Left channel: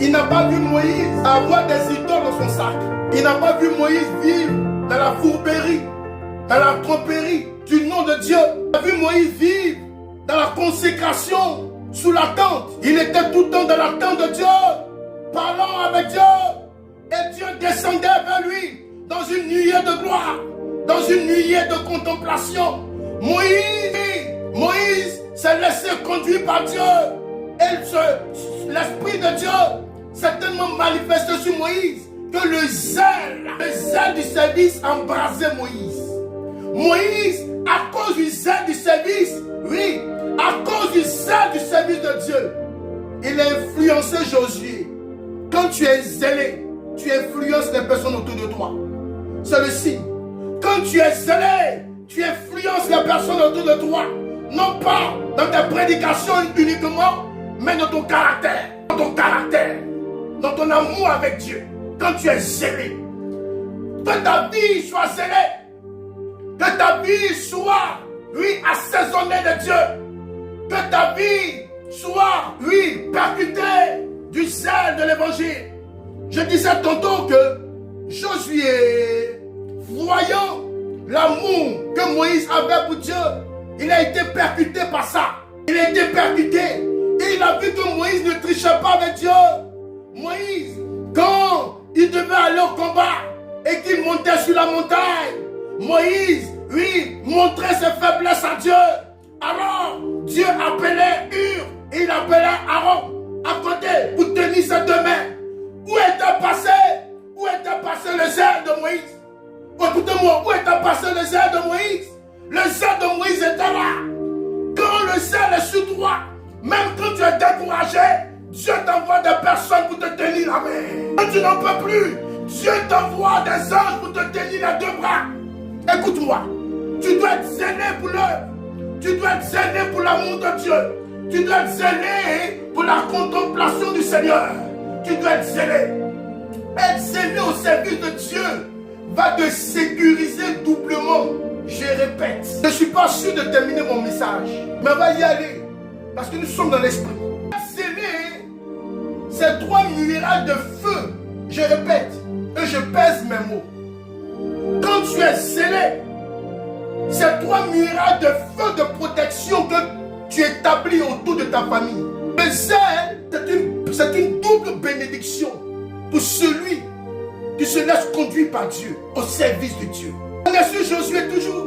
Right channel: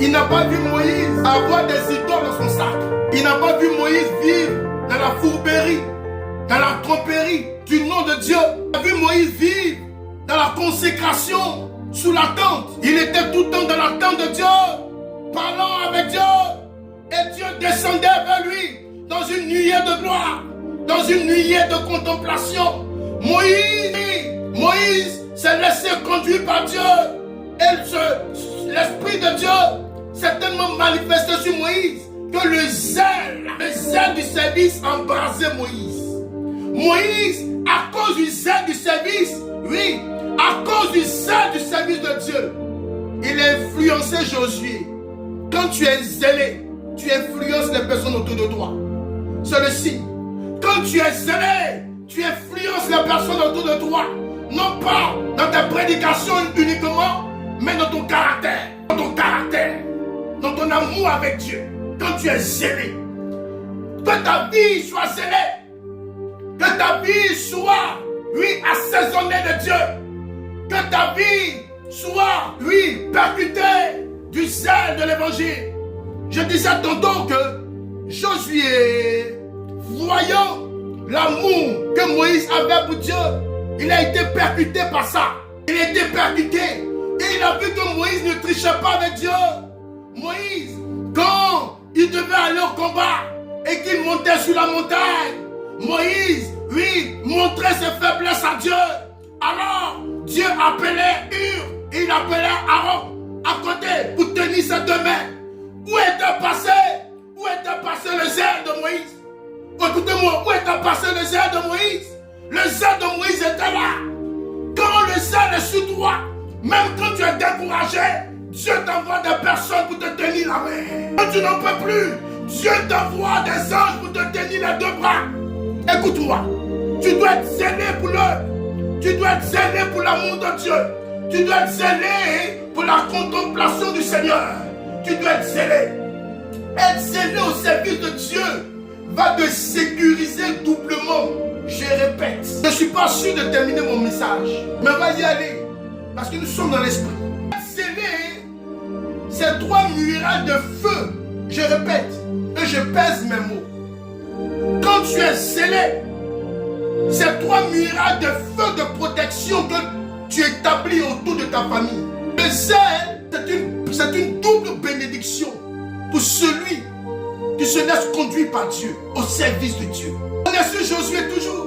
Il n'a pas vu Moïse avoir des idoles dans son sac. Il n'a pas vu Moïse vivre dans la fourberie, dans la tromperie du nom de Dieu. Il a vu Moïse vivre dans la consécration, sous la tente. Il était tout le temps dans la tente de Dieu, parlant avec Dieu. Et Dieu descendait vers lui dans une nuée de gloire, dans une nuée de contemplation. Moïse s'est laissé conduire par Dieu. Et l'Esprit de Dieu s'est tellement manifesté sur Moïse que le zèle du service embrasait Moïse. Moïse, à cause du zèle du service, oui, à cause du zèle du service de Dieu, il a influencé Josué. Quand tu es zélé, tu influences les personnes autour de toi. C'est le signe. Quand tu es zélé, tu influences les personnes autour de toi. Non pas dans tes prédications uniquement, mais dans ton caractère. Dans ton caractère. Dans ton amour avec Dieu. Quand tu es zélé. Que ta vie soit zélée. Que ta vie soit, oui, assaisonnée de Dieu. Que ta vie soit, oui, percutée du zèle de l'évangile. Je disais tantôt que Josué, voyant l'amour que Moïse avait pour Dieu, il a été percuté par ça. Il a été percuté. Et il a vu que Moïse ne trichait pas avec Dieu. Moïse, quand il devait aller au combat et qu'il montait sur la montagne, Moïse, oui, montrait ses faiblesses à Dieu. Alors, Dieu appelait Hur et il appelait Aaron à côté pour tenir ses deux mains. Où était passé le zèle de Moïse? Écoutez-moi, où était passé le zèle de Moïse? Le zèle de Moïse était là. Quand le zèle est sur toi, même quand tu es découragé, Dieu t'envoie des personnes pour te tenir la main. Quand tu n'en peux plus, Dieu t'envoie des anges pour te tenir les deux bras. Écoute-moi, tu dois être zélé pour l'œuvre. Tu dois être zélé pour l'amour de Dieu. Tu dois être zélé pour la contemplation du Seigneur. Tu dois être zélé. Être zélé au service de Dieu va te sécuriser doublement. Je répète, je ne suis pas sûr de terminer mon message, mais on va y aller, parce que nous sommes dans l'esprit. Être zélé, c'est 3 murailles de feu. Je répète, et je pèse mes mots. Quand tu es zélé, c'est 3 murailles de feu de protection que tu établis autour de ta famille. Le zèle, c'est une double bénédiction pour celui qui se laisse conduire par Dieu, au service de Dieu. On est sur Josué toujours.